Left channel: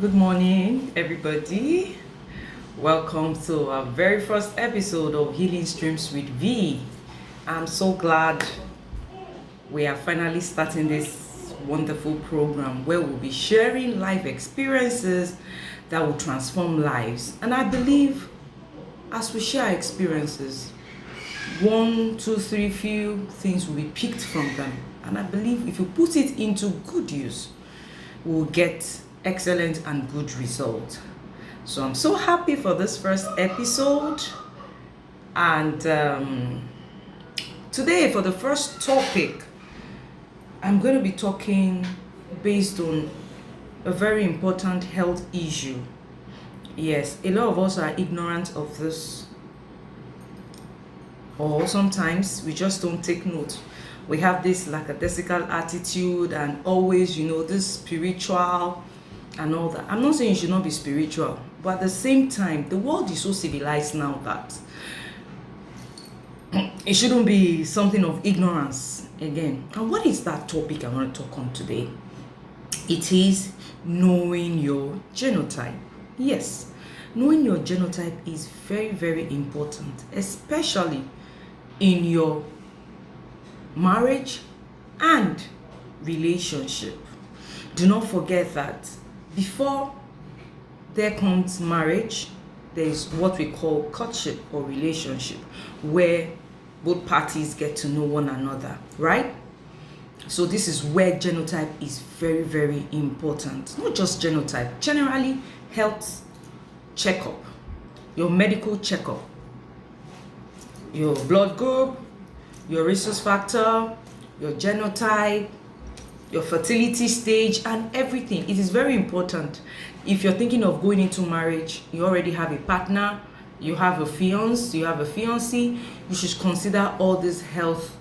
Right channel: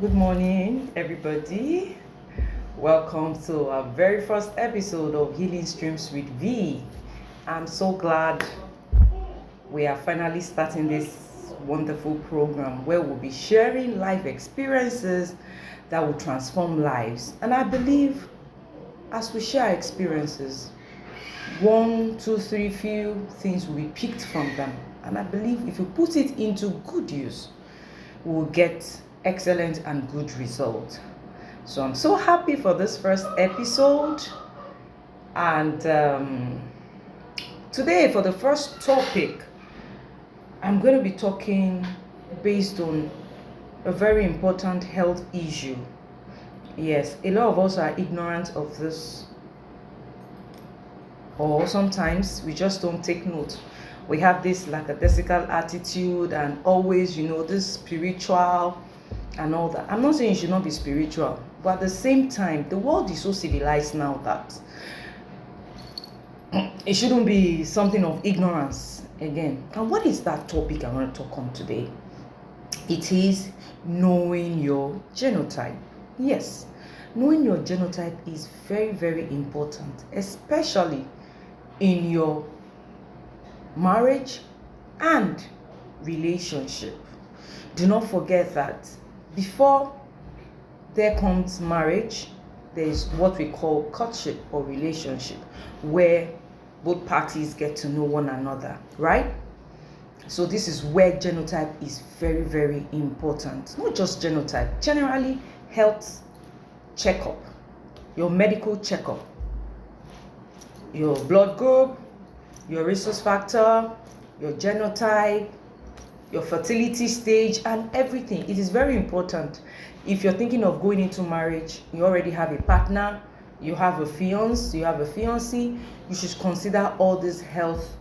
Good morning, everybody. Welcome to our very first episode of Healing Streams with V. I'm so glad we are finally starting this wonderful program where we'll be sharing life experiences that will transform lives. And I believe as we share experiences, one, two, three, few things will be picked from them. And I believe if you put it into good use, we'll get excellent and good results. So I'm so happy for this first episode. And today, for the first topic, I'm going to be talking based on a very important health issue. Yes, a lot of us are ignorant of this, or sometimes we just don't take note. We have this lackadaisical attitude and always, this spiritual and all that. I'm not saying you should not be spiritual, but at the same time, the world is so civilized now that it shouldn't be something of ignorance again. And what is that topic I want to talk on today? It is knowing your genotype. Yes, knowing your genotype is very, very important, especially in your marriage and relationship. Do not forget that before there comes marriage, there is what we call courtship or relationship, where both parties get to know one another, right? So this is where genotype is very, very important. Not just genotype, generally health checkup, your medical checkup, your blood group, your rhesus factor, your genotype, your fertility stage, and everything. It is very important. If you're thinking of going into marriage, you already have a partner, you have a fiance, you have a fiancé, you should consider all these health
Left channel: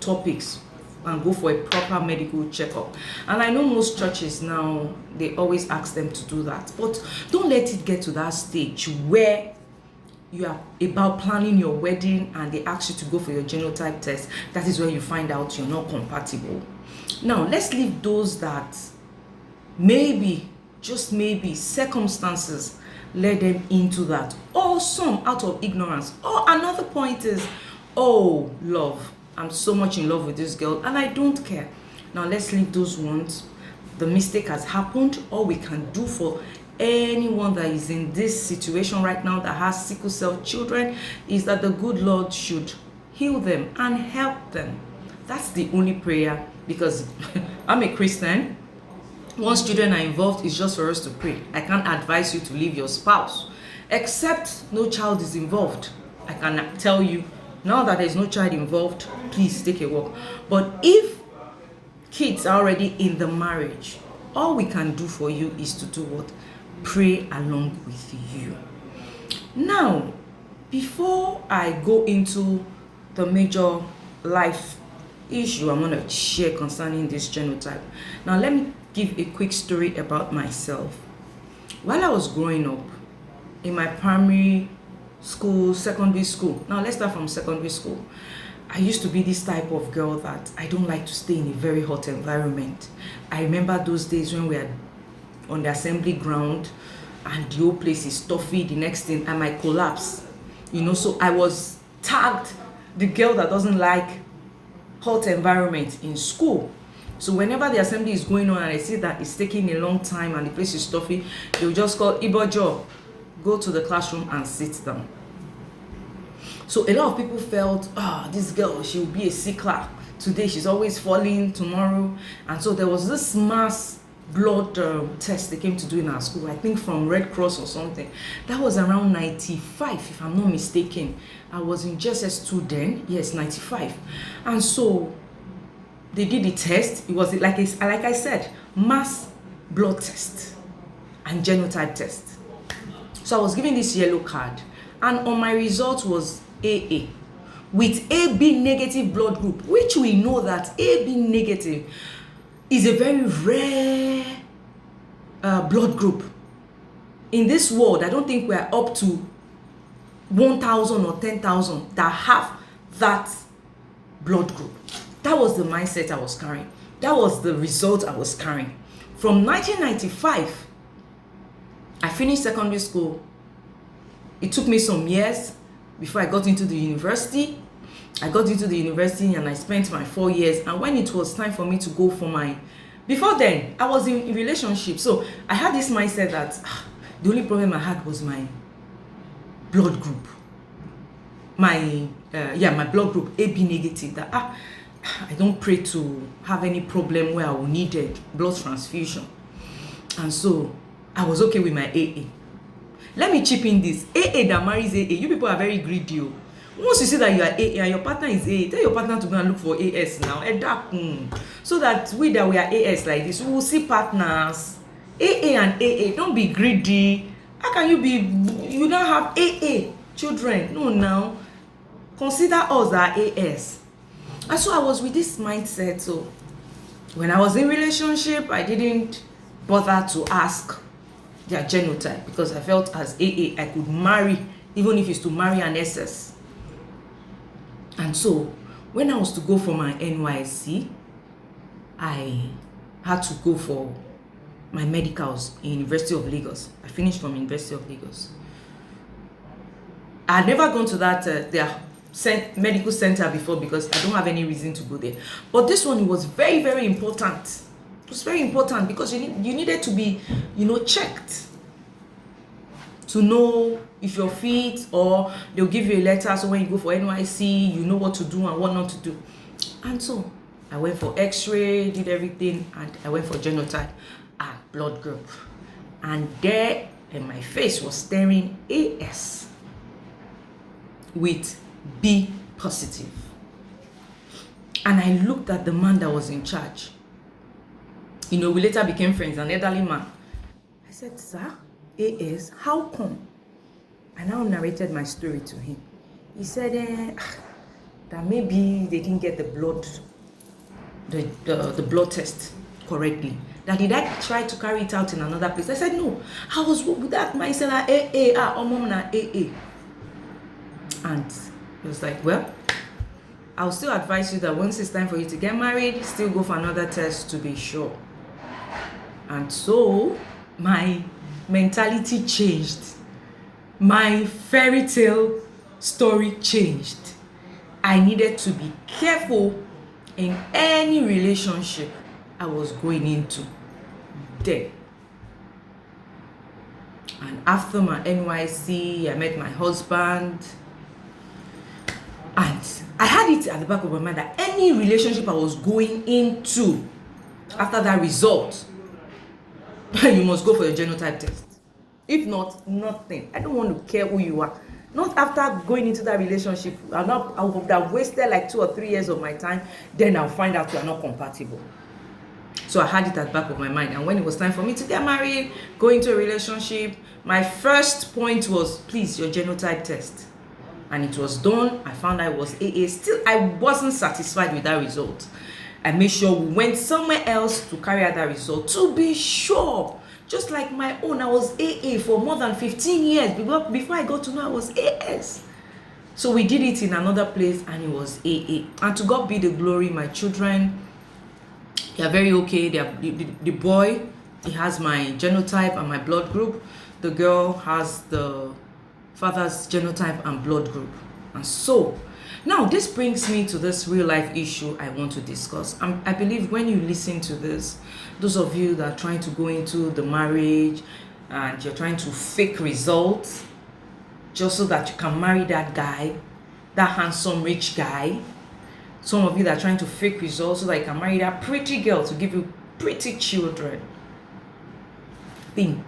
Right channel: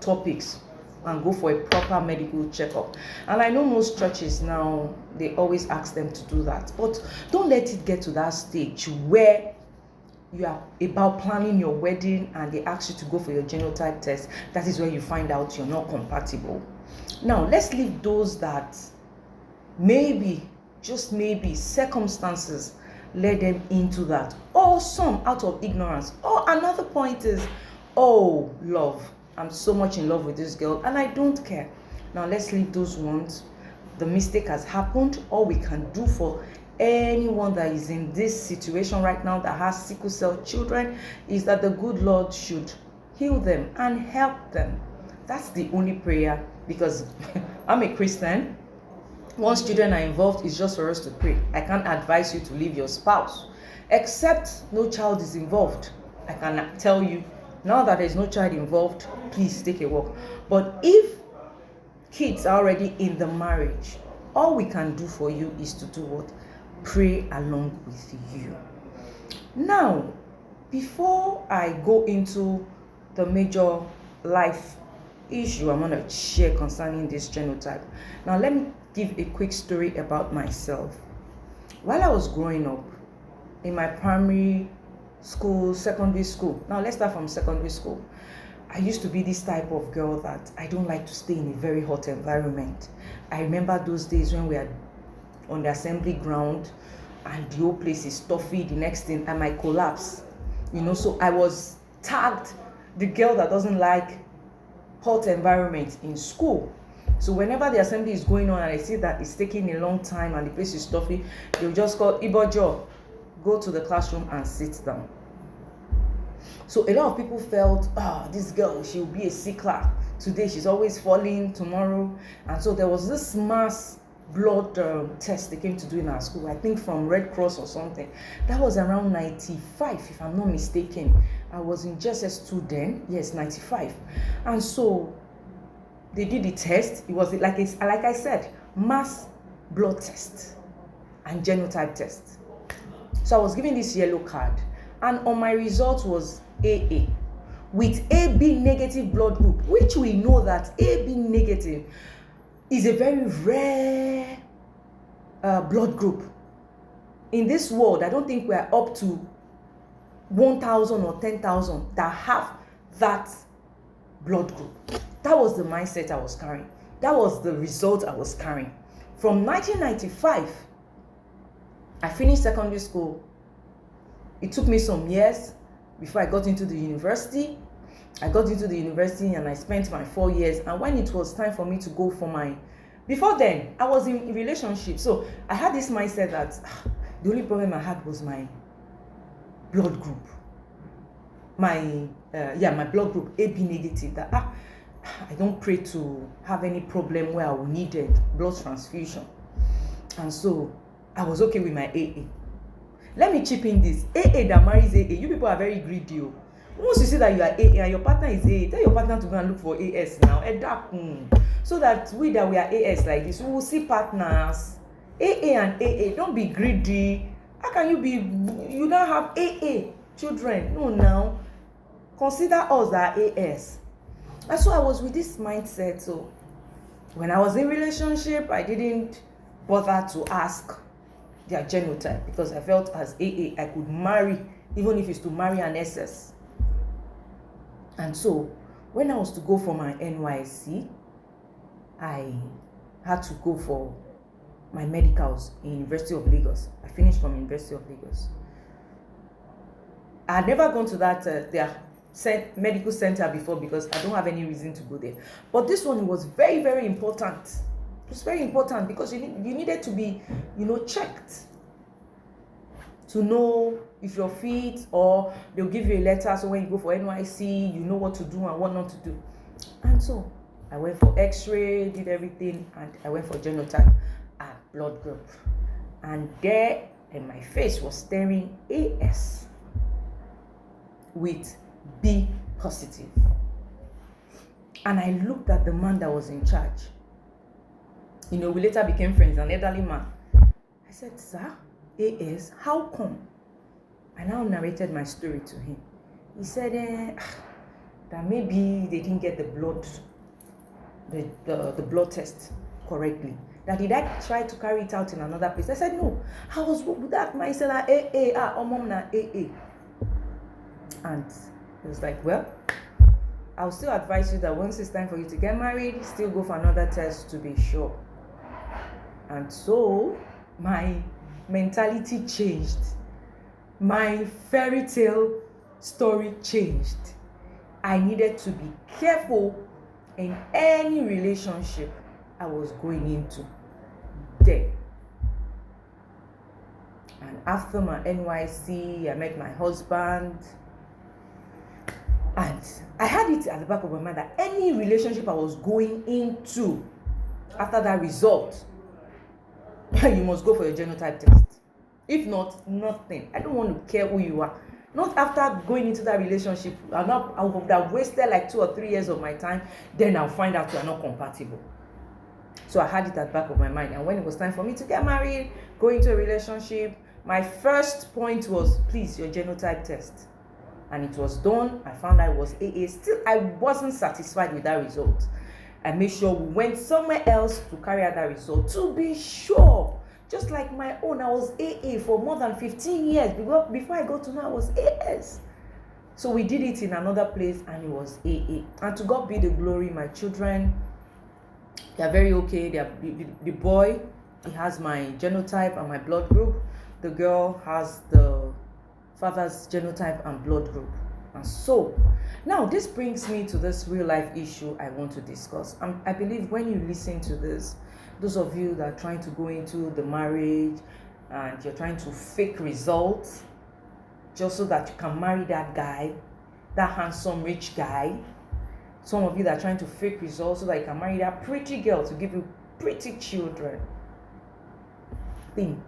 topics and go for a proper medical checkup. And I know most churches now, they always ask them to do that. But don't let it get to that stage where you are about planning your wedding and they ask you to go for your genotype test. That is where you find out you're not compatible. Now, let's leave those that maybe, just maybe, circumstances led them into that, or some out of ignorance. Or another point is, oh, love, I'm so much in love with this girl and I don't care. Now, let's leave those ones. The mistake has happened. All we can do for anyone that is in this situation right now that has sickle cell children is that the good Lord should heal them and help them. That's the only prayer, because I'm a Christian. Once children are involved, it's just for us to pray. I can't advise you to leave your spouse, except no child is involved. I can tell you, now that there's no child involved, please take a walk. But if kids are already in the marriage, all we can do for you is to do what? Pray along with you. Now, before I go into the major life issue I'm going to share concerning this genotype, now let me give a quick story about myself. While I was growing up in my primary school, secondary school, now let's start from secondary school, I used to be this type of girl that I don't like to stay in a very hot environment. I remember those days when we had on the assembly ground and the whole place is stuffy. The next thing I might collapse, so I was tagged the girl that doesn't like hot environment in school. So whenever the assembly is going on and I see that it's taking a long time and the place is stuffy, they'll just call Ibojo, go to the classroom and sit down. So a lot of people felt, this girl, she'll be a sickler today, she's always falling, tomorrow. And so there was this mass blood test they came to do in our school, I think from Red Cross or something. That was around 95, if I'm not mistaken. I was in JSS2 then, yes, 95. And so they did the test. It was like I said, mass blood test and genotype test. So I was given this yellow card, and on my result was AA with AB negative blood group, which we know that AB negative is a very rare blood group. In this world, I don't think we're up to 1,000 or 10,000 that have that blood group. That was the mindset I was carrying. That was the result I was carrying. From 1995, I finished secondary school. It took me some years before I got into the university. I got into the university and I spent my 4 years. And when it was time for me to go for my... Before then, I was in relationship. So I had this mindset that the only problem I had was my blood group. My blood group, AB negative. That I don't pray to have any problem where I will need a blood transfusion. And so I was okay with my AA. Let me chip in this. AA that marries AA. You people are very greedy. Once you see that you are AA and your partner is AA, tell your partner to go and look for AS now. So that we are AS like this, we will see partners. AA and AA, don't be greedy. How can you don't have AA children? No, now. Consider us our AS. And so I was with this mindset. So when I was in relationship, I didn't bother to ask their genotype because I felt as AA, I could marry, even if it's to marry an SS. And so when I was to go for my NYSC, I had to go for my medicals in University of Lagos. I finished from University of Lagos. I had never gone to that their medical center before because I don't have any reason to go there. But this one, it was very, very important. It was very important because you needed to be, checked to know if you're fit, or they'll give you a letter. So when you go for NYC, you know what to do and what not to do. And so I went for X-ray, did everything, and I went for genotype and blood group. And there in my face was staring AS with B positive. And I looked at the man that was in charge. We later became friends, an elderly man. I said, "Sir, AS, how come?" I now narrated my story to him. He said that maybe they didn't get the blood test correctly. That did I try to carry it out in another place? I said, no. I was with that mindset that AA. And he was like, well, I'll still advise you that once it's time for you to get married, still go for another test to be sure. And so my mentality changed. My fairy tale story changed. I needed to be careful in any relationship I was going into there. And after my NYC, I met my husband. And I had it at the back of my mind that any relationship I was going into after that result, you must go for your genotype test. If not, nothing. I don't want to care who you are. Not after going into that relationship. I would have wasted like 2 or 3 years of my time. Then I'll find out you are not compatible. So I had it at the back of my mind. And when it was time for me to get married, go into a relationship, my first point was, please, your genotype test. And it was done. I found I was AA. Still, I wasn't satisfied with that result. I made sure we went somewhere else to carry out that result to be sure. Just like my own, I was AA for more than 15 years before I got to know I was AS. So we did it in another place and it was AA. And to God be the glory, my children, they are very okay. The boy, he has my genotype and my blood group. The girl has the father's genotype and blood group. And so now this brings me to this real life issue I want to discuss. I believe when you listen to this, those of you that are trying to go into the marriage and you're trying to fake results just so that you can marry that guy, that handsome rich guy, some of you that are trying to fake results so that you can marry that pretty girl to give you pretty children, think.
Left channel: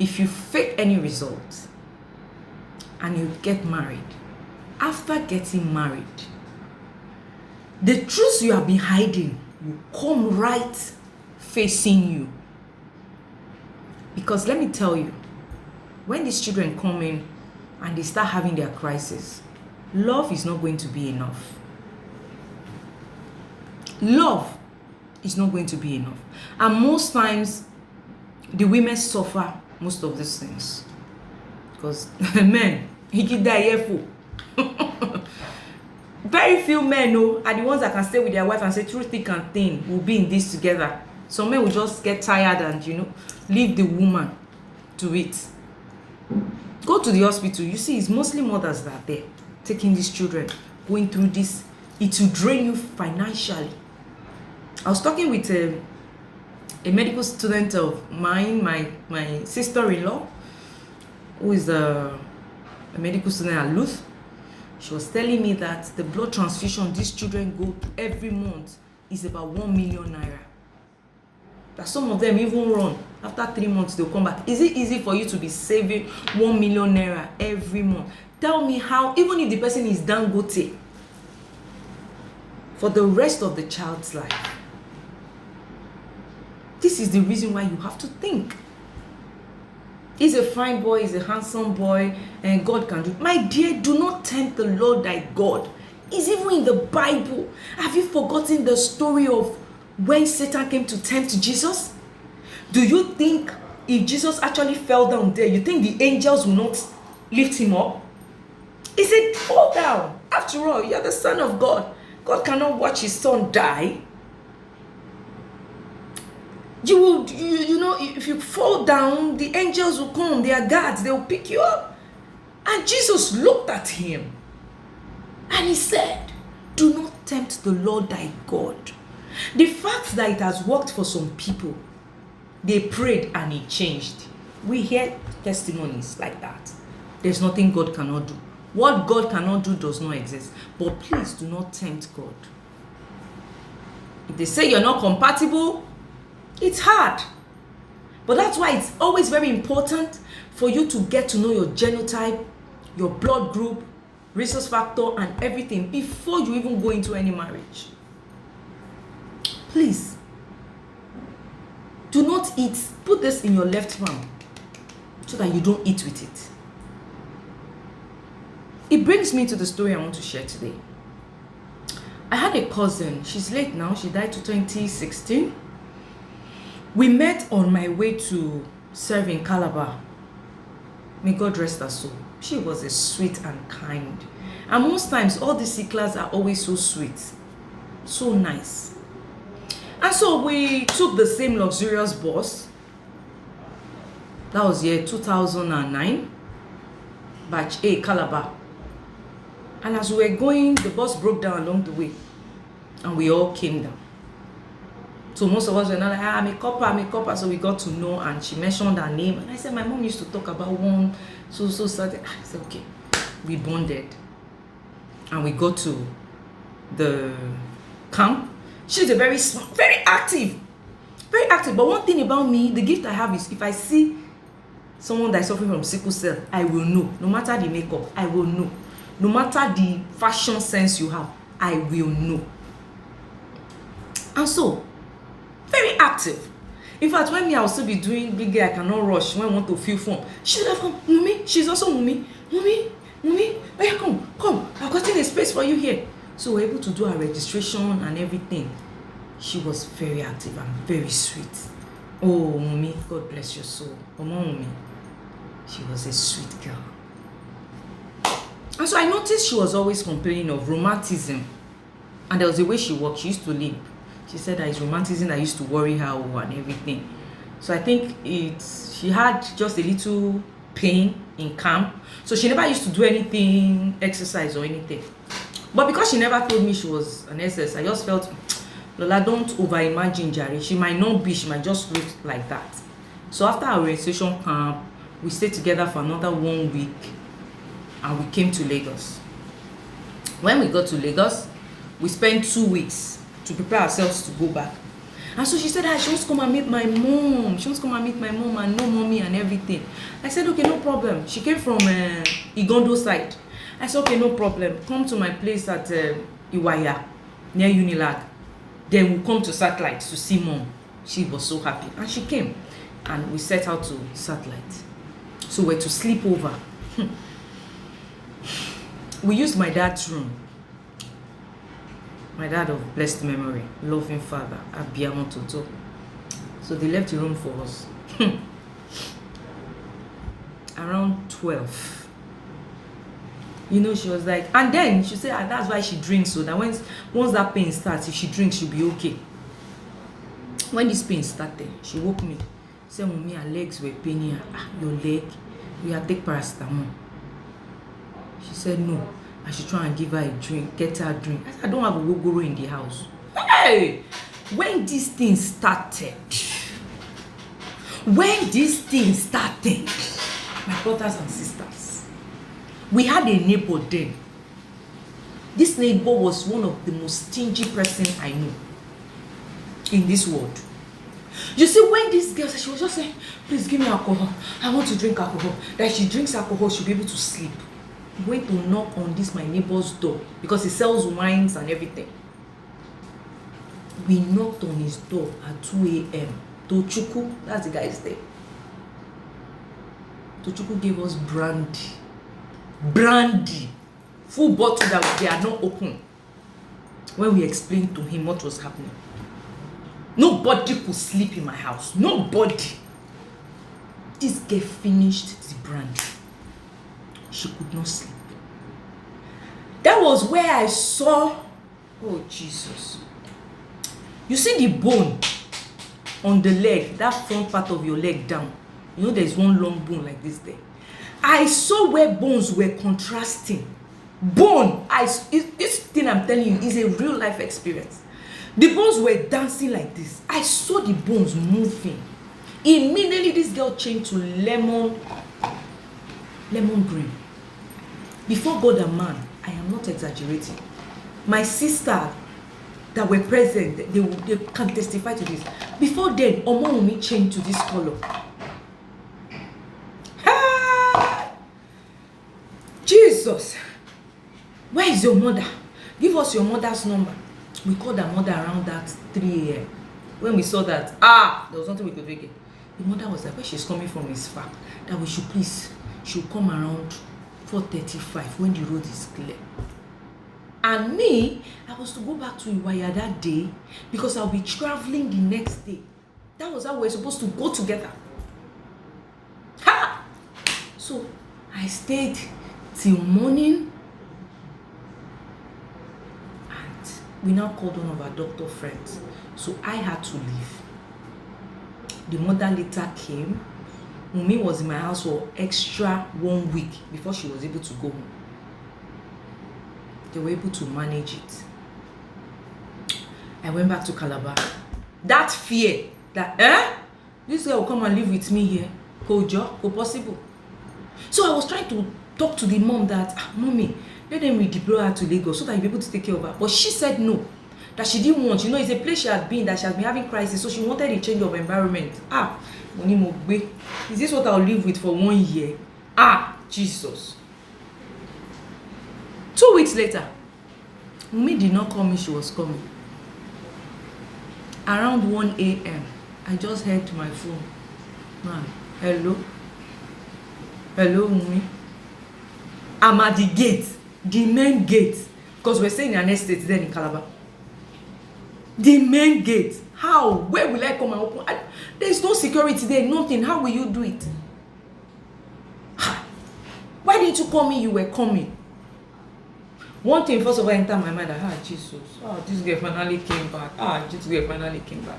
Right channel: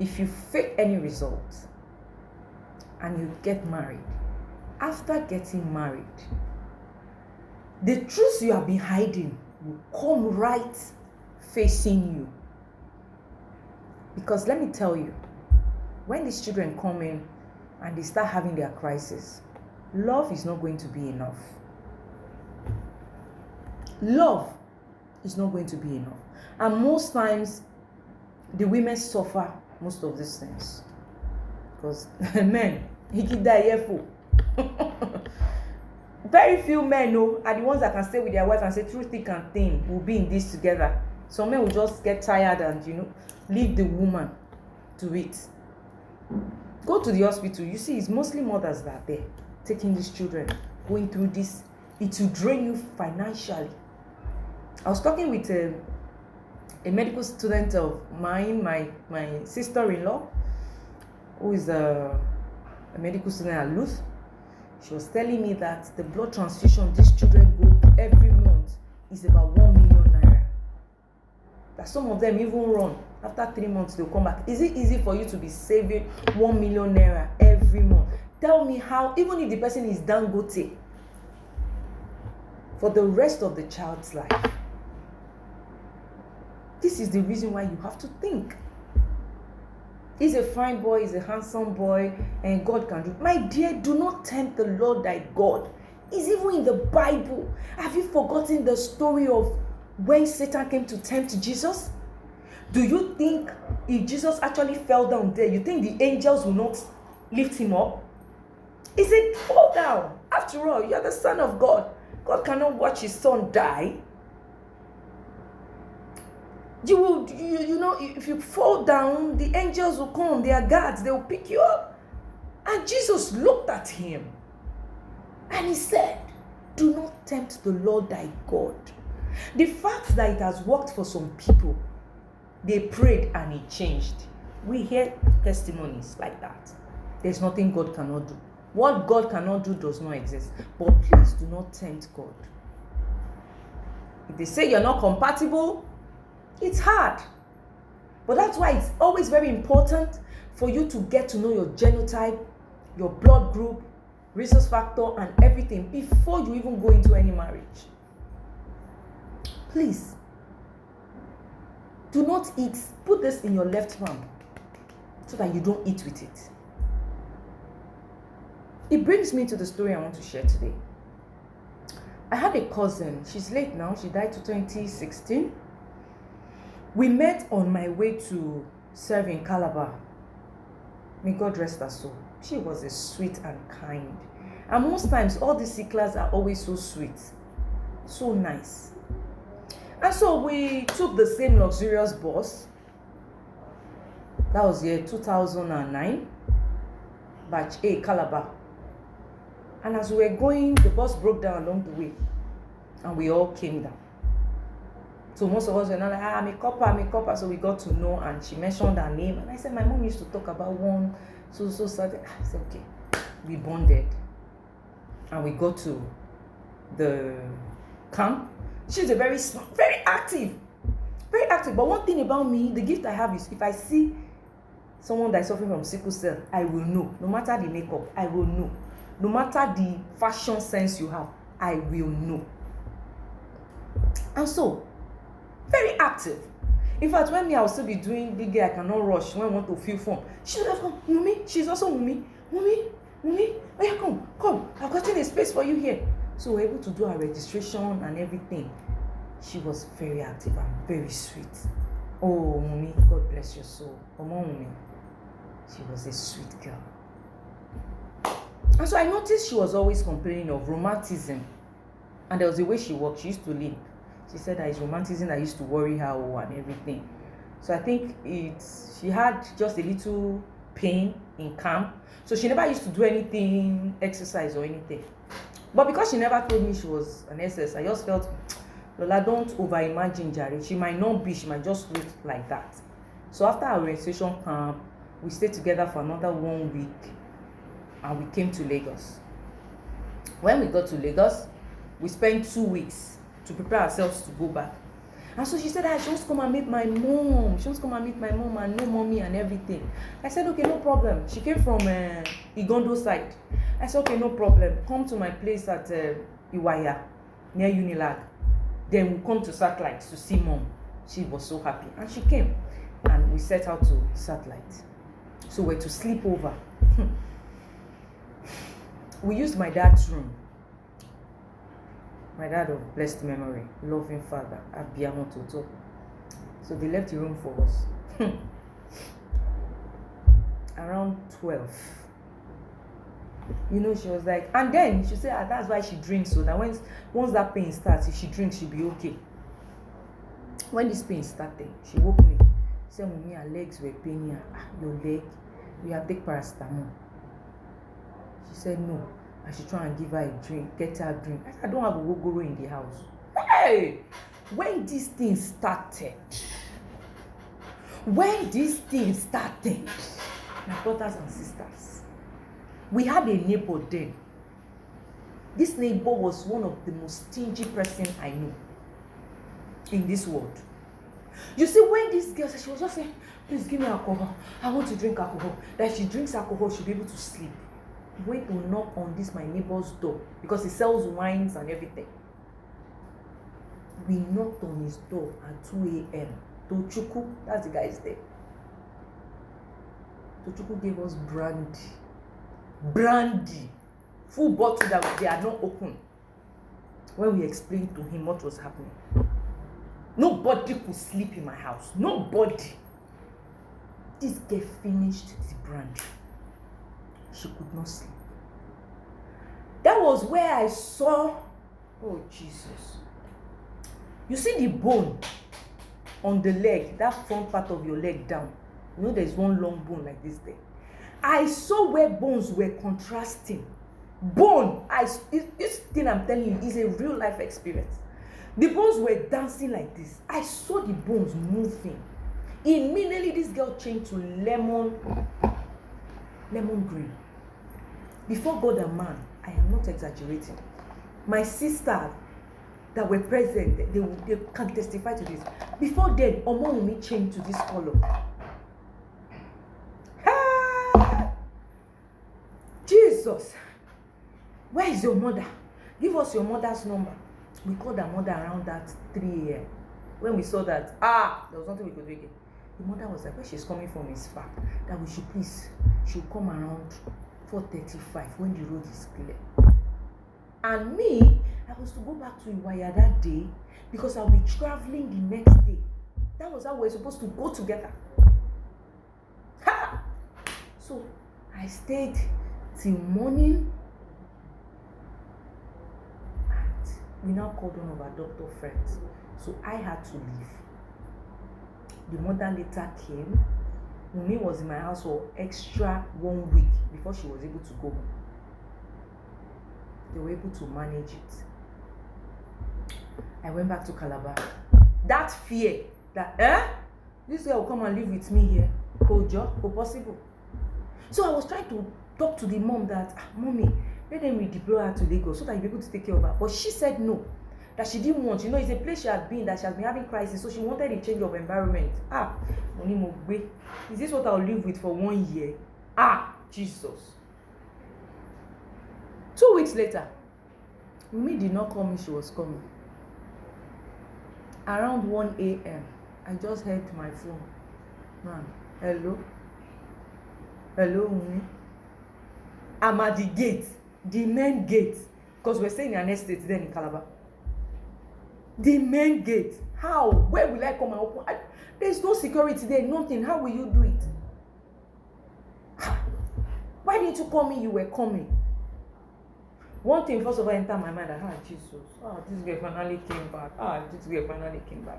If you fake any results and you get married, after getting married, the truth you have been hiding will come right facing you. Because let me tell you, when these children come in and they start having their crisis, love is not going to be enough. Love is not going to be enough. And most times, the women suffer most of these things. Because men, he keep that earful. Very few men are the ones that can stay with their wife and say through thick and thin we'll be in this together. Some men will just get tired and leave the woman to it. Go to the hospital. You see, it's mostly mothers that are there taking these children, going through this. It will drain you financially. I was talking with a medical student of mine, my sister-in-law, who is a medical student at Luth. She was telling me that the blood transfusion these children go every month is about 1 million naira. That some of them even run. After 3 months, they'll come back. Is it easy for you to be saving 1 million naira every month? Tell me how, even if the person is Dangote, for the rest of the child's life. This is the reason why you have to think. He's a fine boy, he's a handsome boy, and God can do it. My dear, do not tempt the Lord thy God. It's even in the Bible. Have you forgotten the story of when Satan came to tempt Jesus? Do you think if Jesus actually fell down there, you think the angels will not lift him up? He said, fall down. After all, you're the Son of God. God cannot watch his son die. You will, if you fall down, the angels will come. They are guards. They will pick you up. And Jesus looked at him and he said, do not tempt the Lord thy God. The fact that it has worked for some people, they prayed and it changed. We hear testimonies like that. There's nothing God cannot do. What God cannot do does not exist. But please do not tempt God. If they say you're not compatible, it's hard. But that's why it's always very important for you to get to know your genotype, your blood group, rhesus factor, and everything before you even go into any marriage. Please, do not eat. Put this in your left palm so that you don't eat with it. It brings me to the story I want to share today. I had a cousin. She's late now. She died in 2016. We met on my way to serve in Calabar. May God rest her soul. She was a sweet and kind. And most times, all the Siklas are always so sweet. So nice. And so we took the same luxurious bus. That was year 2009. Batch A, Calabar. And as we were going, the bus broke down along the way. And we all came down. So most of us were not like, I'm a copper. So we got to know, and she mentioned her name. And I said, my mom used to talk about one so certain. I said, okay. We bonded. And we got to the camp. She's a very active. Very active. But one thing about me, the gift I have is if I see someone that is suffering from sickle cell, I will know. No matter the makeup, I will know. No matter the fashion sense you have, I will know. And so, very active. In fact, when I will still be doing big girl, I cannot rush when I want to feel fun. She would have come, Mummy, she's also Mummy, oh yeah, come, I've gotten a space for you here. So we're able to do our registration and everything. She was very active and very sweet. Oh, Mummy, God bless your soul. Mummy, she was a sweet girl. And so I noticed she was always complaining of rheumatism. And there was a way she walked. She used to limp. She said that it's rheumatism that used to worry her and everything. So I think she had just a little pain in camp. So she never used to do anything, exercise or anything. But because she never told me she was an SS, I just felt, Lola, don't over-imagine Jari. She might not be, she might just look like that. So after our registration camp, we stayed together for another 1 week. And we came to Lagos. When we got to Lagos, we spent 2 weeks to prepare ourselves to go back. And so she said, she wants to come and meet my mom. She wants to come and meet my mom and know mommy and everything. I said, okay, no problem. She came from Igondo side. I said, okay, no problem. Come to my place at Iwaya, near Unilag. Then we'll come to Satellite to see mom. She was so happy. And she came. And we set out to Satellite. So we're to sleep over. We used my dad's room. My dad of blessed memory, loving father, Abiyamo Toto. So they left the room for us. Around 12. You know, she was like, and then she said, that's why she drinks, so that once that pain starts, if she drinks, she'll be okay. When this pain started, she woke me. Said, Mommy, her legs were paining her. Your leg? You have take paracetamol. She said no. I should try and give her a drink, get her a drink. I said, I don't have a gogoro in the house. Hey! When this thing started, my brothers and sisters, we had a neighbor then. This neighbor was one of the most stingy person I know in this world. You see, when this girl said, she was just saying, please give me alcohol. I want to drink alcohol. That if she drinks alcohol, she'll be able to sleep. He went to knock on this my neighbor's door because he sells wines and everything. We knocked on his door at 2 a.m. Tochukwu, that's the guy's name. Tochukwu gave us brandy, full bottle that they are not open. When we explained to him what was happening, nobody could sleep in my house. Nobody. This girl finished the brandy. She could not sleep. That was where I saw, oh Jesus. You see the bone on the leg, that front part of your leg down. You know there's one long bone like this there. I saw where bones were contrasting. This thing I'm telling you is a real life experience. The bones were dancing like this. I saw the bones moving. Immediately this girl changed to lemon green. Before God and man, I am not exaggerating. My sister that were present, they can testify to this. Before then, Omoumi changed to this color. Ah! Jesus! Where is your mother? Give us your mother's number. We called her mother around that 3 a.m. When we saw that, there was nothing we could do again. The mother was like, where she's coming from is far. That we should please, she'll come around 4:35 when the road is clear. And me, I was to go back to Iwaya that day because I'll be traveling the next day. That was how we were supposed to go together. Ha! So I stayed till morning. And we now called one of our doctor friends. So I had to leave. The mother later came. Mumi was in my house for extra 1 week before she was able to go home. They were able to manage it. I went back to Calabar. That fear that this girl will come and live with me here, possible. So I was trying to talk to the mom that mommy, let them redeploy her to Lagos so that you'll be able to take care of her. But she said no, that she didn't want. You know, it's a place she had been, that she has been having crisis, so she wanted a change of environment. Money Mogbe, is this what I'll live with for 1 year? Jesus. 2 weeks later, Mumi did not call me, she was coming. Around 1 a.m., I just heard my phone. Man, hello? Hello, Mumi? I'm at the gate, the main gate, because we're staying in an estate then in Calabar. The main gate. How? Where will I come and open? There's no security there, nothing. How will you do it? Why didn't you call me? You were coming. One thing first of all entered my mind, Jesus, this girl finally came back. This girl finally came back.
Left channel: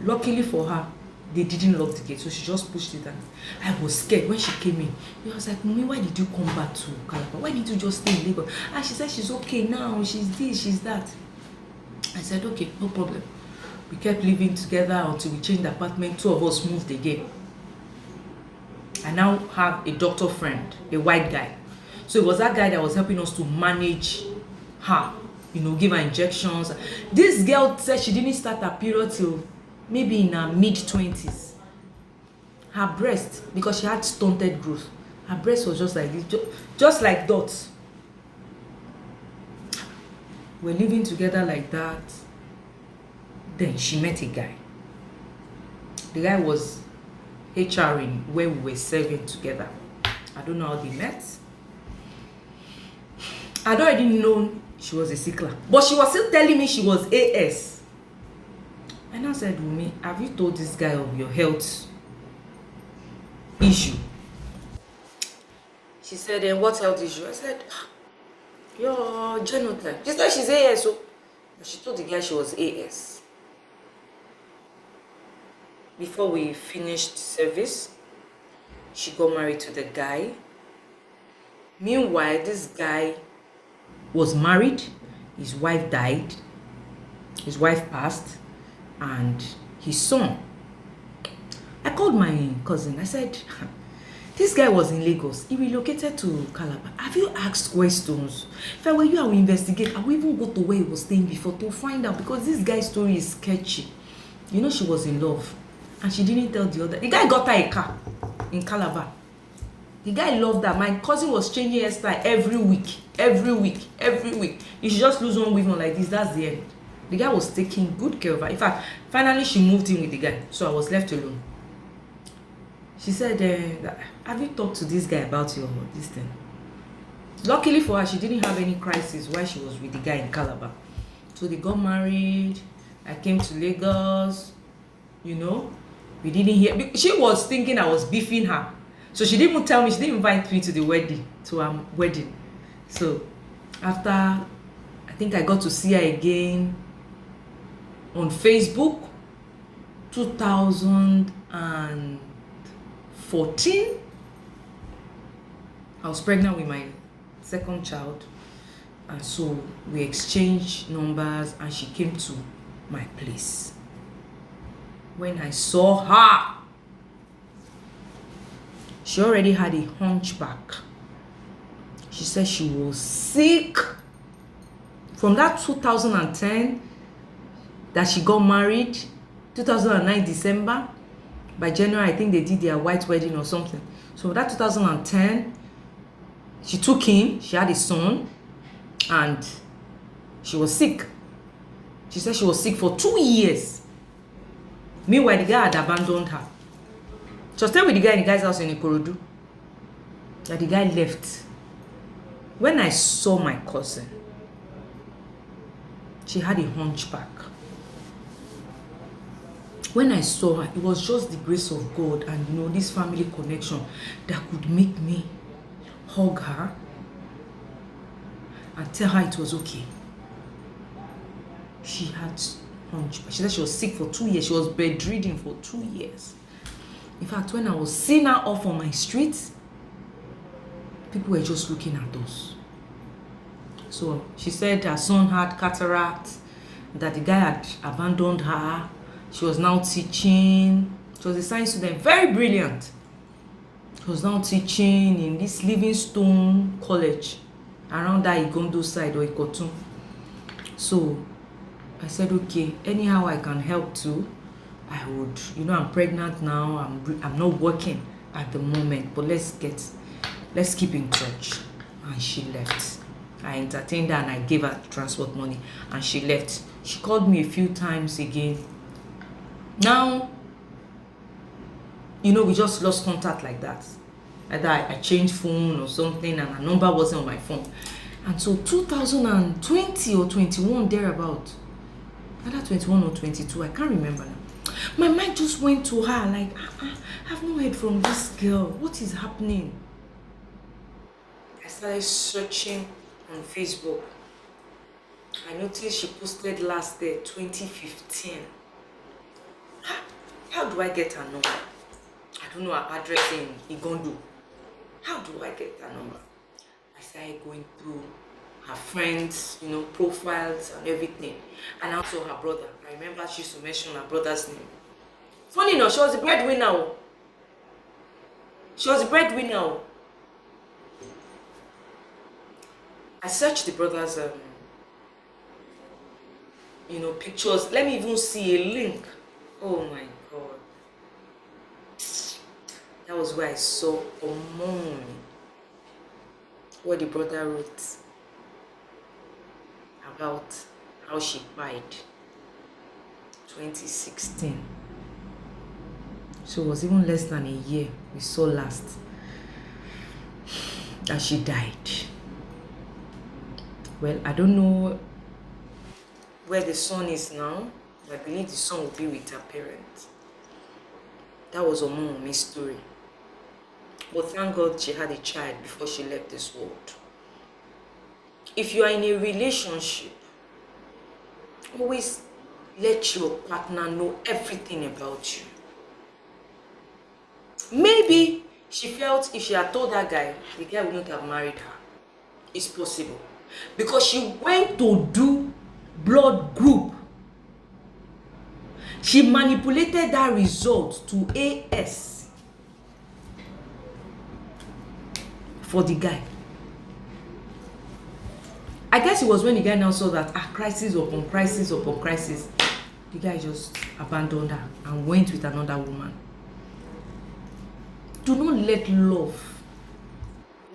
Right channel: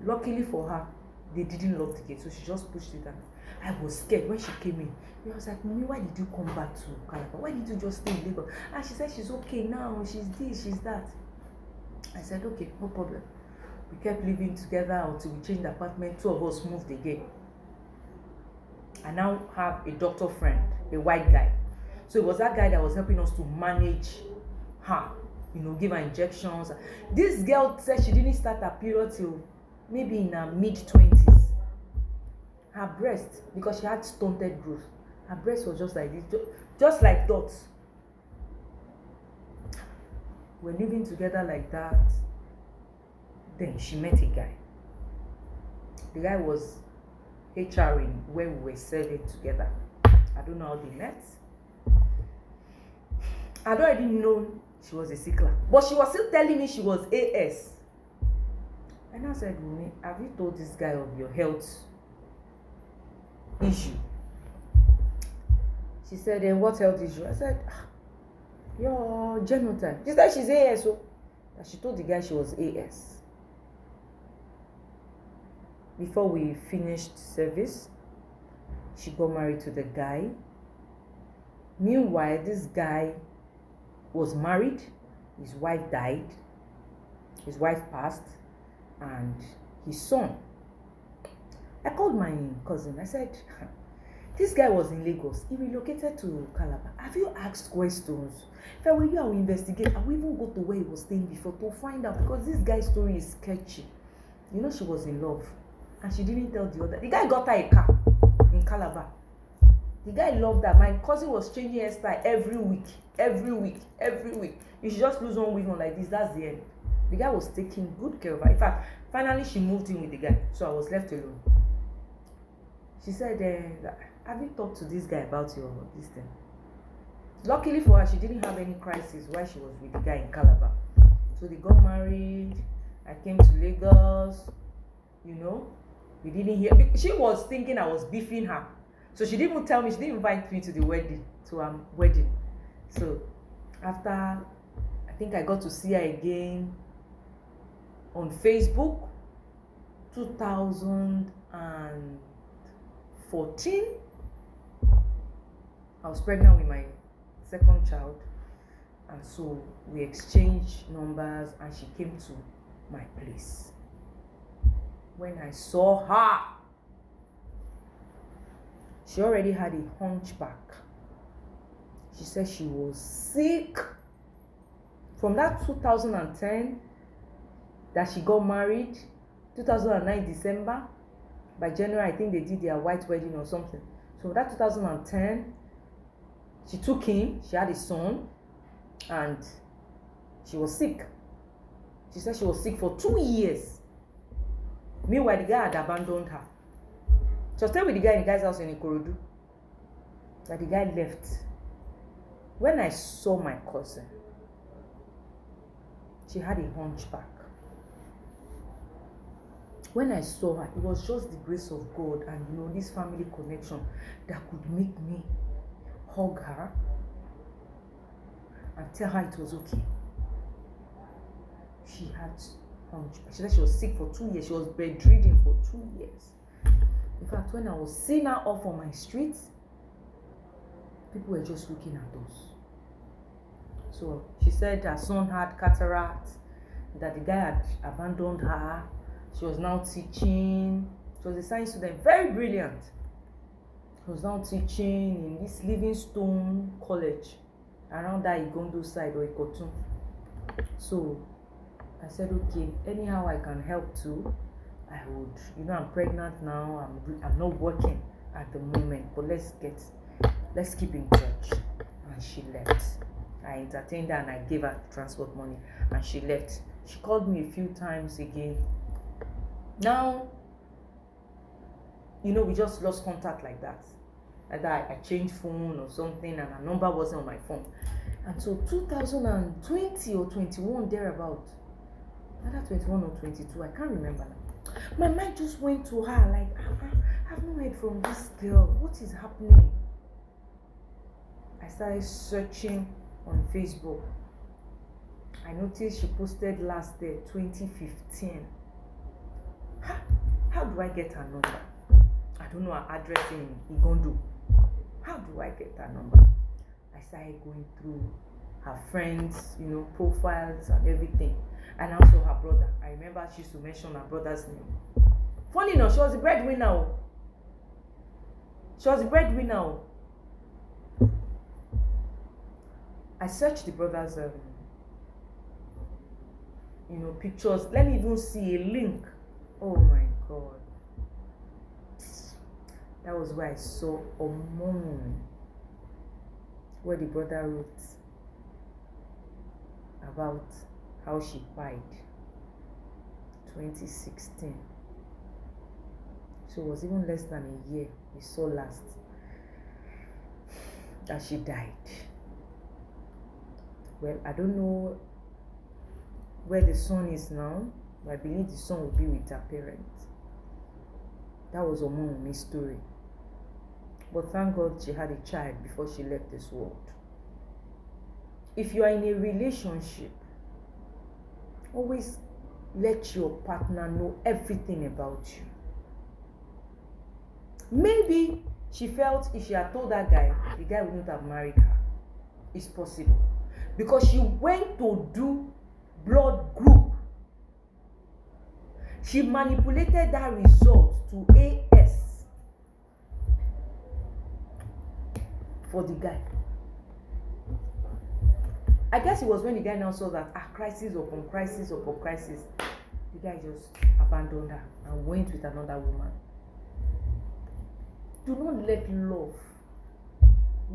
Luckily for her, they didn't lock the gate, so she just pushed it down. I was scared when she came in. I was like, Mummy, why did you come back to Calabar? Why didn't you just stay in Lagos? And she said she's okay now, she's this, she's that. I said, okay, no problem. We kept living together until we changed the apartment. 2 of us moved again. I now have a doctor friend, a white guy. So it was that guy that was helping us to manage her, give her injections. This girl said she didn't start her period till maybe in her mid-20s. Her breast, because she had stunted growth, her breast was just like this, just like dots. We're living together like that. Then she met a guy. The guy was HRing where we were serving together. I don't know how they met. I'd already known she was a sickler, but she was still telling me she was AS. And I said, Wumi, have you told this guy of your health issue? She She said, what health issue? I said, your genotype. She said she's AS. So she told the guy she was AS. Before we finished service, she got married to the guy. Meanwhile, this guy was married. His wife died. His wife passed. And his son. I called my cousin. I said, this guy was in Lagos. He relocated to Calabar. Have you asked questions? If I were you, I will investigate. I will even go to where he was staying before to find out, because this guy's story is sketchy. You know, she was in love and she didn't tell the other. The guy got her a car in Calabar. The guy loved her. My cousin was changing hairstyle every week. You should just lose one weave on like this. That's the end. The guy was taking good care of her. In fact, finally she moved in with the guy. So I was left alone. She said, have you talked to this guy about this thing? Luckily for her, she didn't have any crisis while she was with the guy in Calabar. So they got married. I came to Lagos. You know, we didn't hear. She was thinking I was beefing her. So she didn't even tell me. She didn't invite me to the wedding, wedding. So after, I think I got to see her again on Facebook, 2014. I was pregnant with my second child, and so we exchanged numbers and she came to my place. When I saw her, she already had a hunchback. She said she was sick. From that 2010 that she got married, 2009 December, by January I think they did their white wedding or something. So that 2010, she took him, she had a son, and she was sick. She said she was sick for 2 years. Meanwhile, the guy had abandoned her. She was staying with the guy in the guy's house in Ikorodu. That the guy left. When I saw my cousin, she had a hunchback. When I saw her, it was just the grace of God and, you know, this family connection that could make me hug her and tell her it was okay. She had hunchback. She said she was sick for 2 years. She was bedridden for 2 years. In fact, when I was seeing her off on my street, people were just looking at us. So she said her son had cataract, that the guy had abandoned her. She was now teaching. She was a science student, very brilliant. She was now teaching in this Livingstone College around that Igondo side or Ikotun. So I said, okay, anyhow I can help too, I would. You know, I'm pregnant now. I'm not working at the moment, but let's keep in touch. And she left. I entertained her and I gave her transport money, and she left. She called me a few times again. Now, you know, we just lost contact like that. Either I changed phone or something and her number wasn't on my phone. And so 2020 or 21 thereabout, either 21 or 22, I can't remember now. My mind just went to her like, I've not heard from this girl. What is happening? I started searching on Facebook. I noticed she posted last day, 2015. How do I get her number? I don't know her address in Igondo. How do I get her number? I started going through her friends, you know, profiles and everything. And also her brother. I remember she used to mention her brother's name. Funny enough, she was the breadwinner. She was the breadwinner. I searched the brother's, you know, pictures. Let me even see a link. Oh my God. That was where I saw what the brother wrote about how she died. 2016. So it was even less than a year we saw last that she died. Well, I don't know where the son is now. I believe the son will be with her parents. That was Omomi's story. But thank God she had a child before she left this world. If you are in a relationship, always let your partner know everything about you. Maybe she felt if she had told that guy, the guy wouldn't have married her. It's possible. Because she went to do blood group. She manipulated that result to AS for the guy. I guess it was when the guy now saw that crisis upon crisis upon crisis, the guy just abandoned her and went with another woman. Do not let love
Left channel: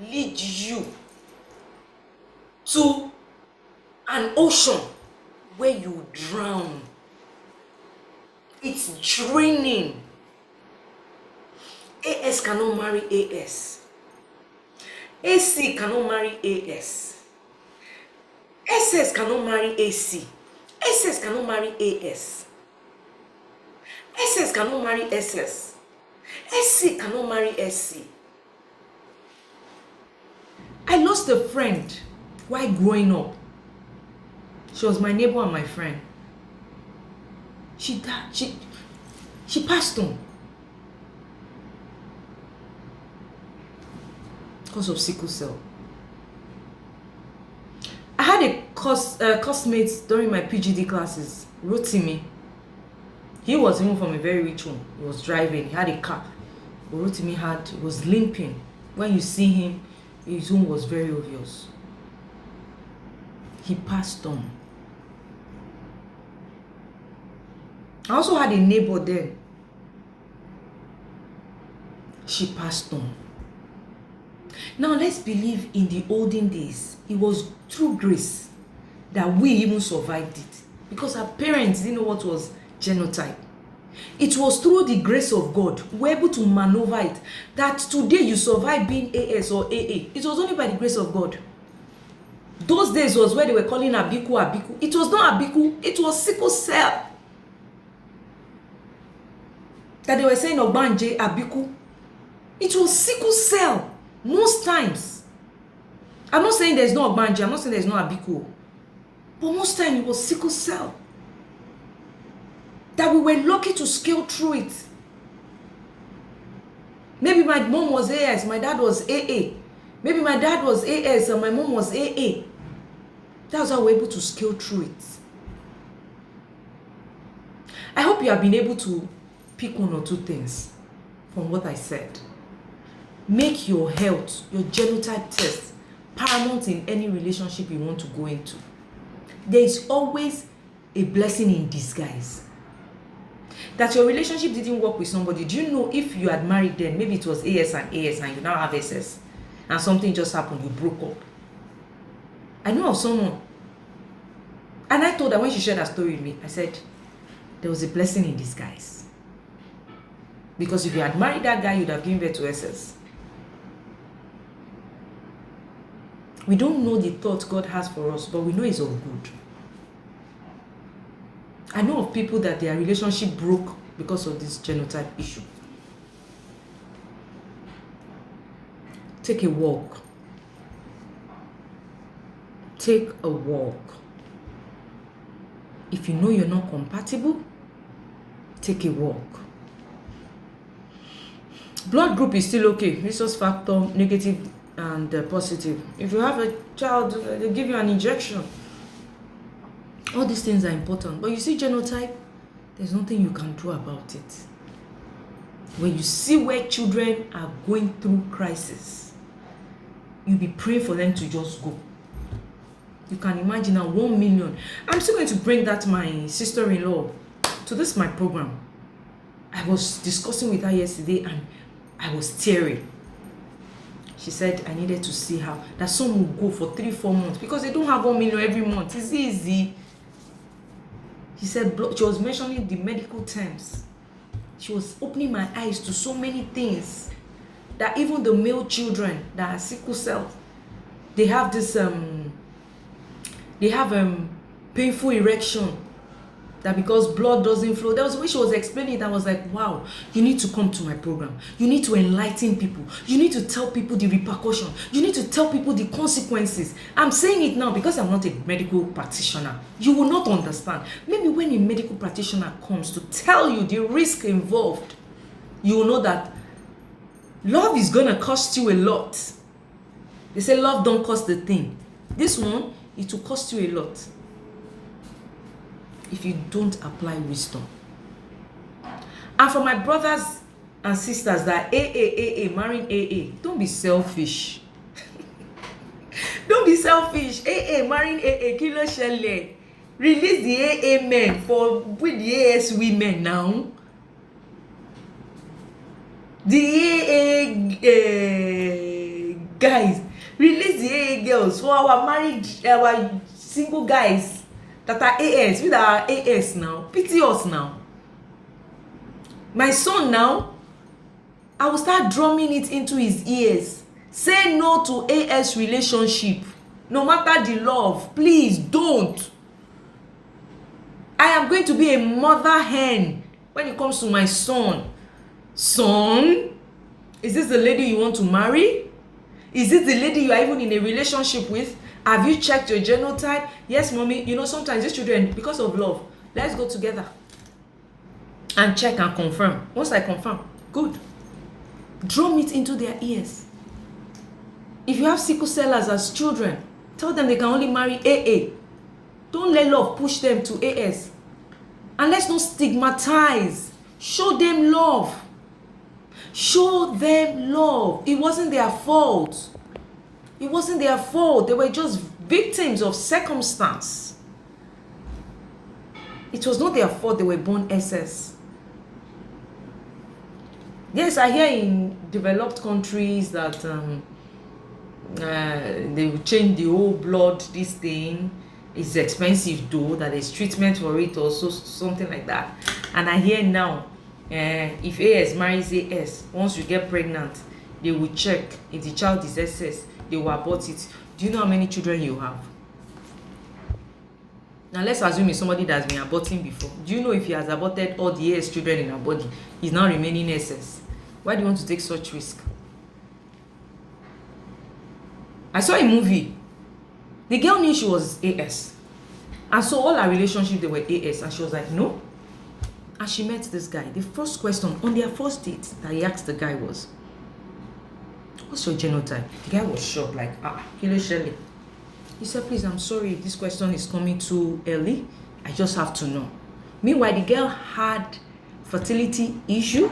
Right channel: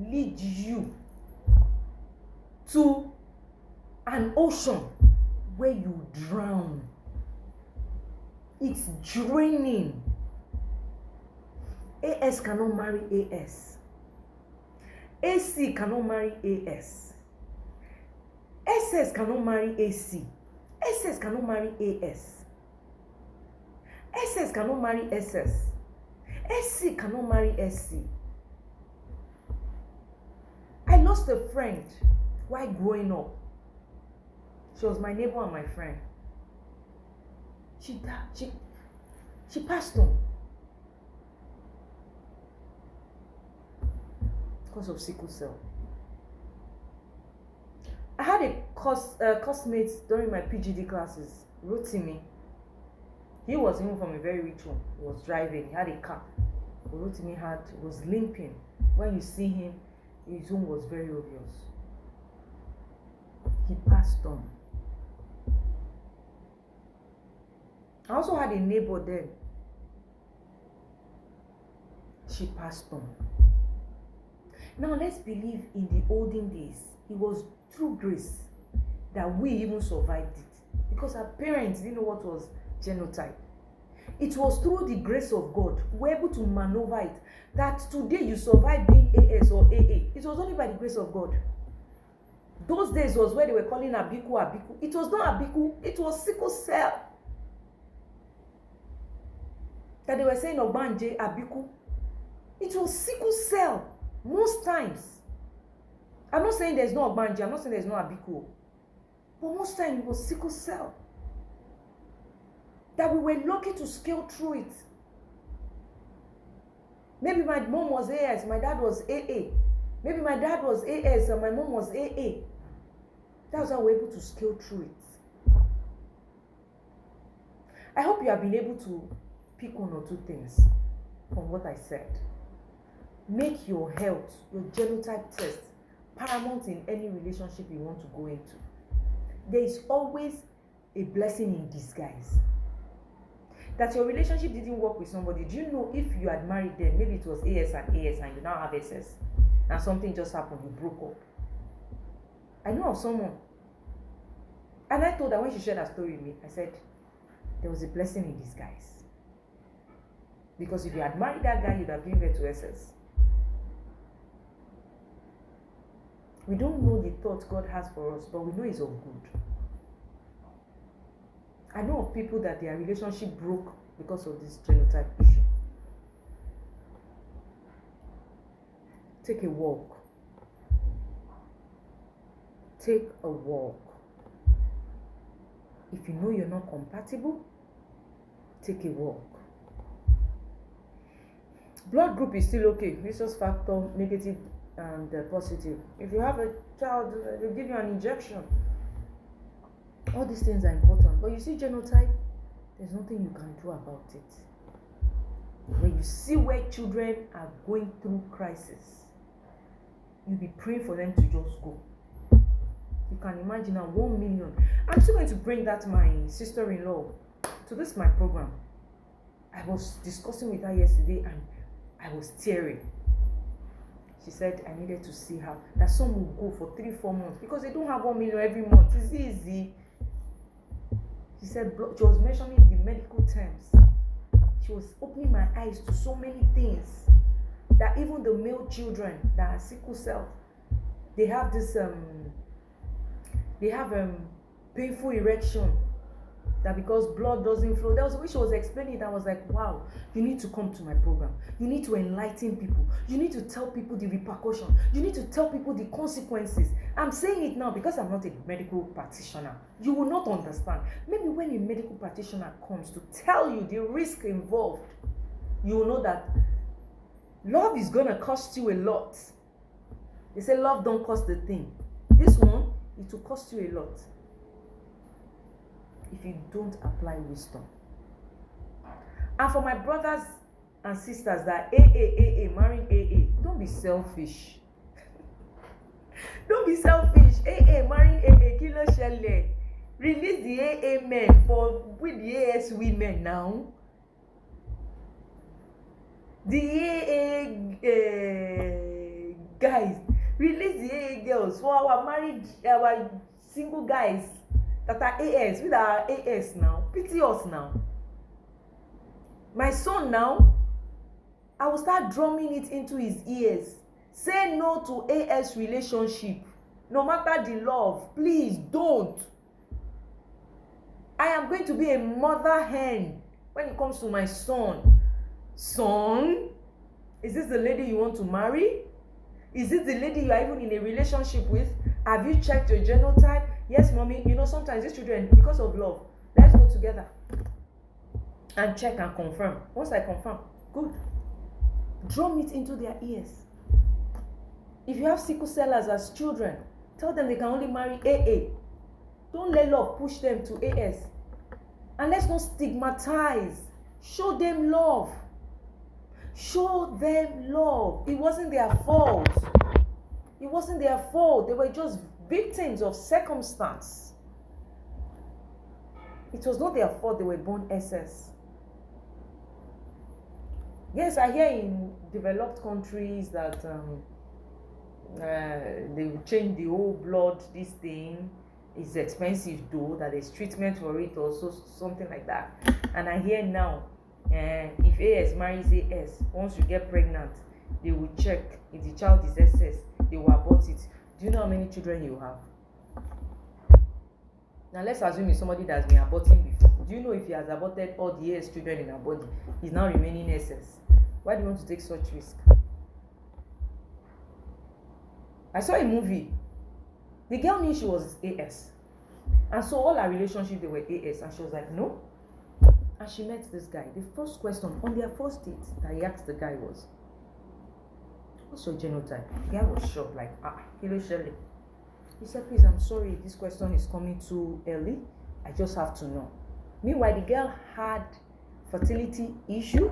lead you to an ocean where you drown. It's draining. AS cannot marry AS. AC cannot marry AS. SS cannot marry AC. SS cannot marry AS. SS cannot marry SS. SC cannot marry SC. I lost a friend while growing up. She was my neighbor and my friend. She died. She passed on because of sickle cell. I had a classmate during my PGD classes, Rotimi. He was even from a very rich home. He was driving. He had a car. But Rotimi was limping. When you see him, his home was very obvious. He passed on. I also had a neighbor then. She passed on. Now let's believe in the olden days, it was through grace that we even survived it. Because our parents didn't know what was genotype. It was through the grace of God we were able to maneuver it. That today you survive being AS or AA. It was only by the grace of God. Those days was where they were calling Abiku Abiku. It was not Abiku, it was sickle cell. That they were saying Ogbanje Abiku. It was sickle cell most times. I'm not saying there's no Ogbanje, I'm not saying there's no Abiku. But most times it was sickle cell. That we were lucky to scale through it. Maybe my mom was AS, my dad was AA. Maybe my dad was AS and my mom was AA. That's how we're able to scale through it. I hope you have been able to pick one or two things from what I said. Make your health, your genotype test, paramount in any relationship you want to go into. There is always a blessing in disguise. That your relationship didn't work with somebody. Do you know if you had married them, maybe it was AS and you now have SS, and something just happened, you broke up. I know of someone, and I told her when she shared her story with me, I said, there was a blessing in disguise. Because if you had married that guy, you'd have given birth to SS. We don't know the thoughts God has for us, but we know it's of good. I know of people that their relationship broke because of this genotype issue. Take a walk. Take a walk. If you know you're not compatible, take a walk. Blood group is still okay. Rhesus factor, negative and positive. If you have a child, they'll give you an injection. All these things are important. But you see genotype, there's nothing you can do about it. When you see where children are going through crisis, you'll be praying for them to just go. You can imagine now 1 million. I'm still going to bring that my sister-in-law to this my program. I was discussing with her yesterday and I was tearing. She said I needed to see how that some will go for 3-4 months because they don't have 1 million every month. It's easy. She said she was mentioning the medical terms. She was opening my eyes to so many things that even the male children that are sickle cell, they have this painful erection. that because blood doesn't flow. There was a way she was explaining it. I was like, wow, you need to come to my program. You need to enlighten people. You need to tell people the repercussion. You need to tell people the consequences. I'm saying it now because I'm not a medical practitioner. You will not understand. Maybe when a medical practitioner comes to tell you the risk involved, you will know that love is going to cost you a lot. They say love don't cost the thing. This one, it will cost you a lot if you don't apply wisdom. And for my brothers and sisters that marrying AA, don't be selfish. Don't be selfish. Marrying kilo shele. Release the AA men for with the AS women now. The AA guys, release the AA girls for our married, our single guys that are AS, with our AS now. Pity us now. My son now, I will start drumming it into his ears. Say no to AS relationship. No matter the love, please don't. I am going to be a mother hen when it comes to my son. Son, is this the lady you want to marry? Is it the lady you are even in a relationship with? Have you checked your genotype? Yes, mommy. You know, sometimes these children, because of love, let's go together and check and confirm. Once I confirm, good. Drum it into their ears. If you have sickle cellers as children, tell them they can only marry AA. Don't let love push them to AS. And let's not stigmatize. Show them love. Show them love. It wasn't their fault. It wasn't their fault. They were just victims of circumstance. It was not their fault they were born SS. Yes, I hear in developed countries that they will change the whole blood, this thing. It's expensive though, that there's treatment for it or so, something like that. And I hear now, if AS marries AS, once you get pregnant, they will check if the child is SS, they will abort it. Do you know how many children you have? Now let's assume it's somebody that's been aborting before. Do you know if he has aborted all the AS children in her body, he's now remaining SS? Why do you want to take such risk? I saw a movie. The girl knew she was AS. And so all her relationships, they were AS. And she was like, no. And she met this guy. The first question on their first date that he asked the guy was, what's your genotype? The guy was shocked, like, Kilo Shelley. He said, please, I'm sorry if this question is coming too early. I just have to know. Meanwhile, the girl had fertility issue,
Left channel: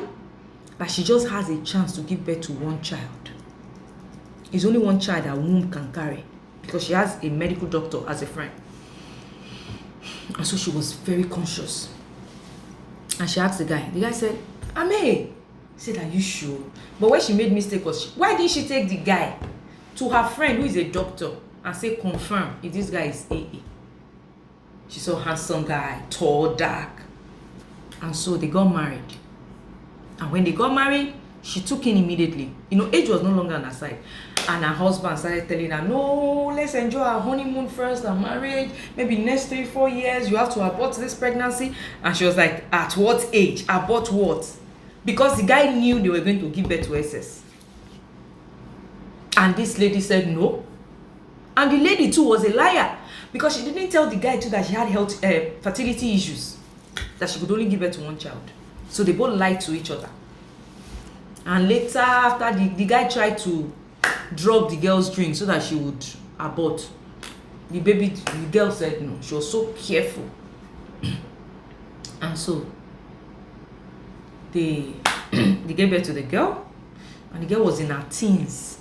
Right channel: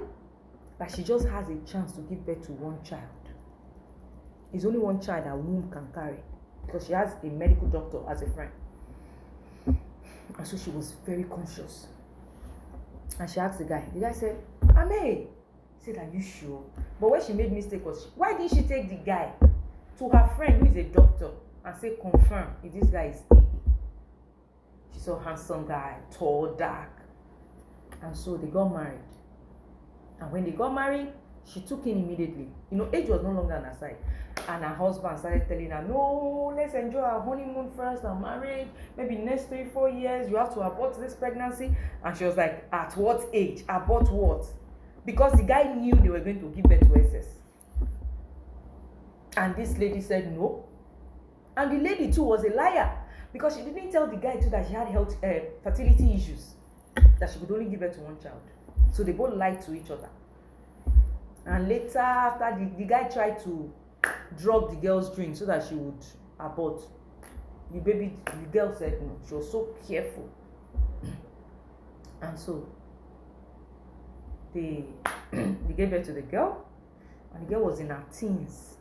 that she just has a chance to give birth to one child. It's only one child that womb can carry, because she has a medical doctor as a friend. And so she was very conscious. And she asked the guy. The guy said, Ame. He said, are you sure? But where she made mistake was, why didn't she take the guy to her friend who is a doctor and say, confirm if this guy is AA? She saw a handsome guy, tall, dark. And so they got married. And when they got married, she took in immediately. You know, age was no longer on her side. And her husband started telling her, no, let's enjoy our honeymoon first and marriage. Maybe next 3-4 years, you have to abort this pregnancy. And she was like, at what age? Abort what? Because the guy knew they were going to give birth to SS. And this lady said no. And the lady too was a liar, because she didn't tell the guy too that she had health fertility issues, that she could only give birth to one child. So they both lied to each other. And later, after the guy tried to drug the girl's drink so that she would abort, the girl said no. She was so careful. And so they gave birth to the girl, and the girl was in her teens.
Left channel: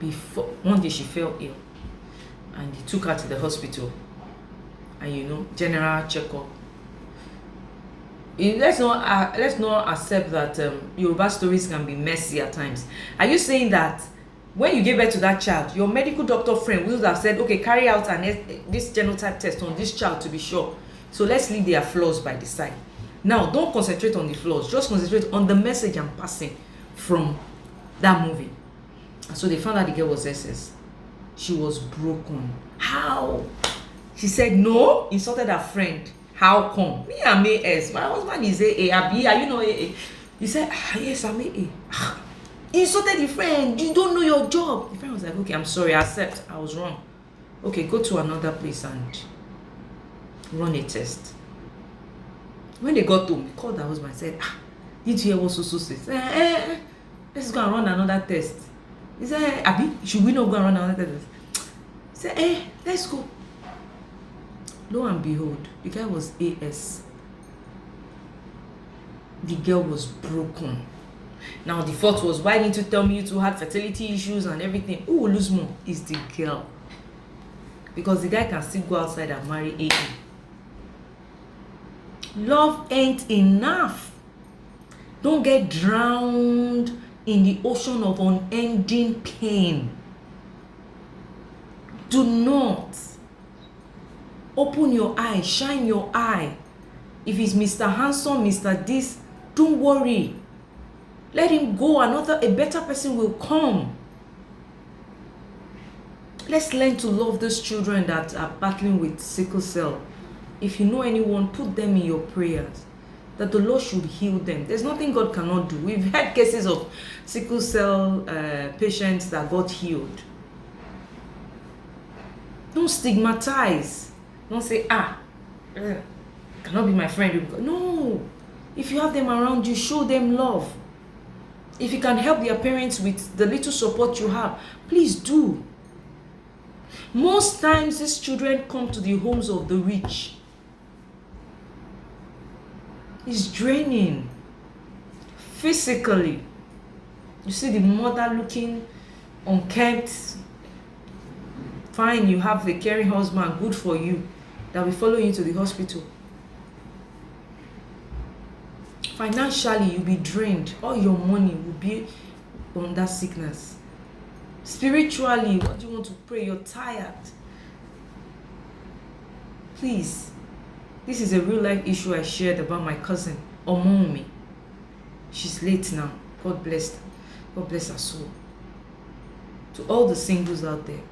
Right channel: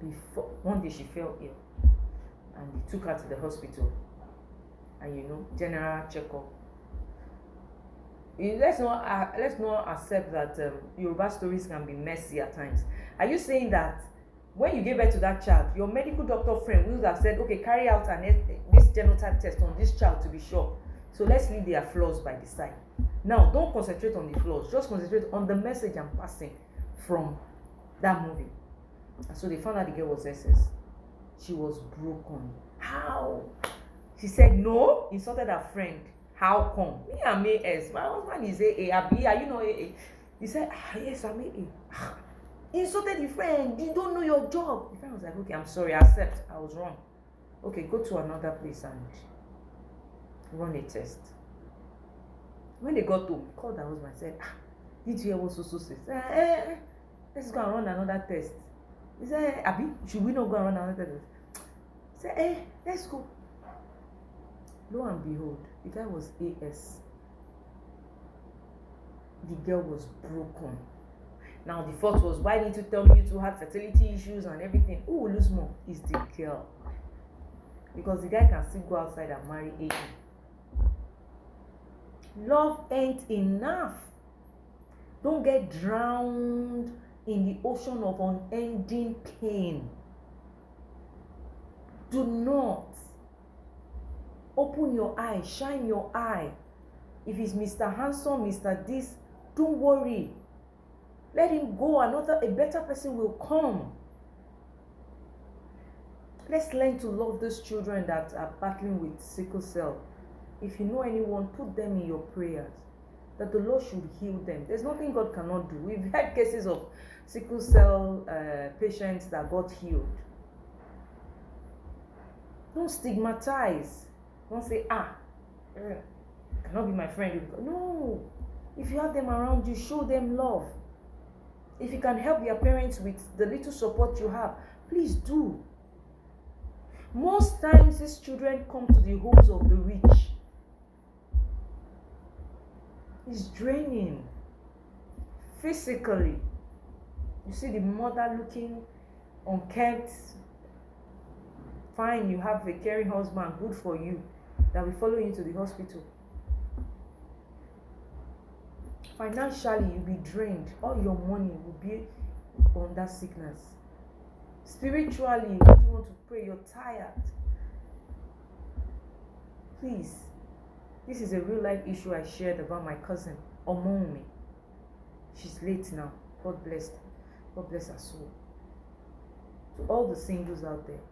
Before one day she fell ill, and they took her to the hospital, and you know, general checkup. Let's not accept that Yoruba stories can be messy at times. Are you saying that when you gave birth to that child, your medical doctor friend would have said, okay, carry out this genotype test on this child to be sure? So let's leave their flaws by the side. Now, don't concentrate on the flaws. Just concentrate on the message I'm passing from that movie. And so they found out the girl was SS. She was broken. How? She said no, insulted her friend. How come? Me, I'm AS. My husband is AA. Abi, are you know AA? He said, yes, I'm AA. He insulted the friend. You don't know your job. The friend was like, okay, I'm sorry, I accept. I was wrong. Okay, go to another place and run a test. When they got home, he called her husband and said, did you hear what so said? Let's go and run another test. He said, Abi, should we not go and run another test? He said, let's go. Lo and behold, the guy was AS. The girl was broken. Now the fault was, why didn't you tell me you two had fertility issues and everything? Who will lose more is the girl. Because the guy can still go outside and marry AA. Love ain't enough. Don't get drowned in the ocean of unending pain. Do not. Open your eye, shine your eye. If it's Mr. Handsome, Mr. This, don't worry. Let him go. A better person will come. Let's learn to love those children that are battling with sickle cell. If you know anyone, put them in your prayers, that the Lord should heal them. There's nothing God cannot do. We've had cases of sickle cell patients that got healed. Don't stigmatize. Don't say, cannot be my friend. No. If you have them around you, show them love. If you can help their parents with the little support you have, please do. Most times, these children come to the homes of the rich. It's draining. Physically. You see the mother looking unkempt. Fine, you have a caring husband, good for you, that will follow you to the hospital. Financially, you'll be drained. All your money will be on that sickness. Spiritually, what do you want to pray? You're tired. Please, this is a real life issue I shared about my cousin, Omomi. She's late now. God bless her. God bless her soul. To all the singles out there,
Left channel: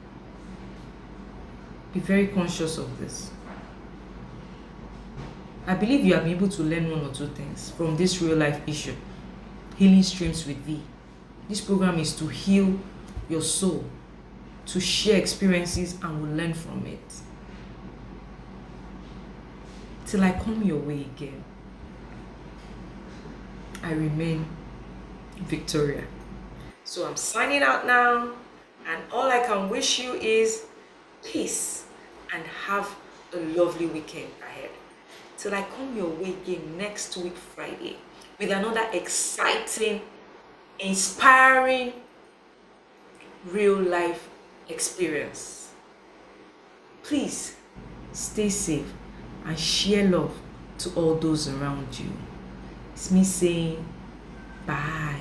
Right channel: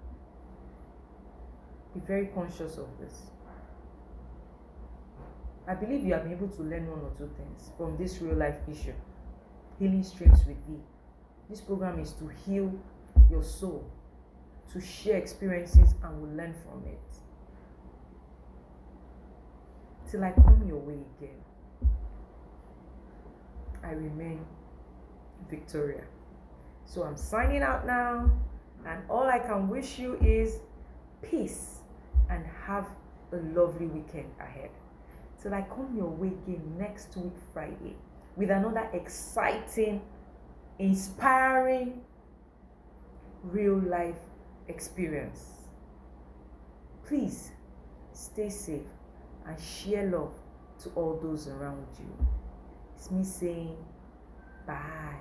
be very conscious of this. I believe you have been able to learn one or two things from this real life issue. Healing Streams with V. This program is to heal your soul, to share experiences and will learn from it. Till I come your way again, I remain Victoria. So I'm signing out now, and all I can wish you is peace and have a lovely weekend ahead. Till I come your way again next week Friday with another exciting, inspiring, real life experience. Please stay safe and share love to all those around you. It's me saying bye.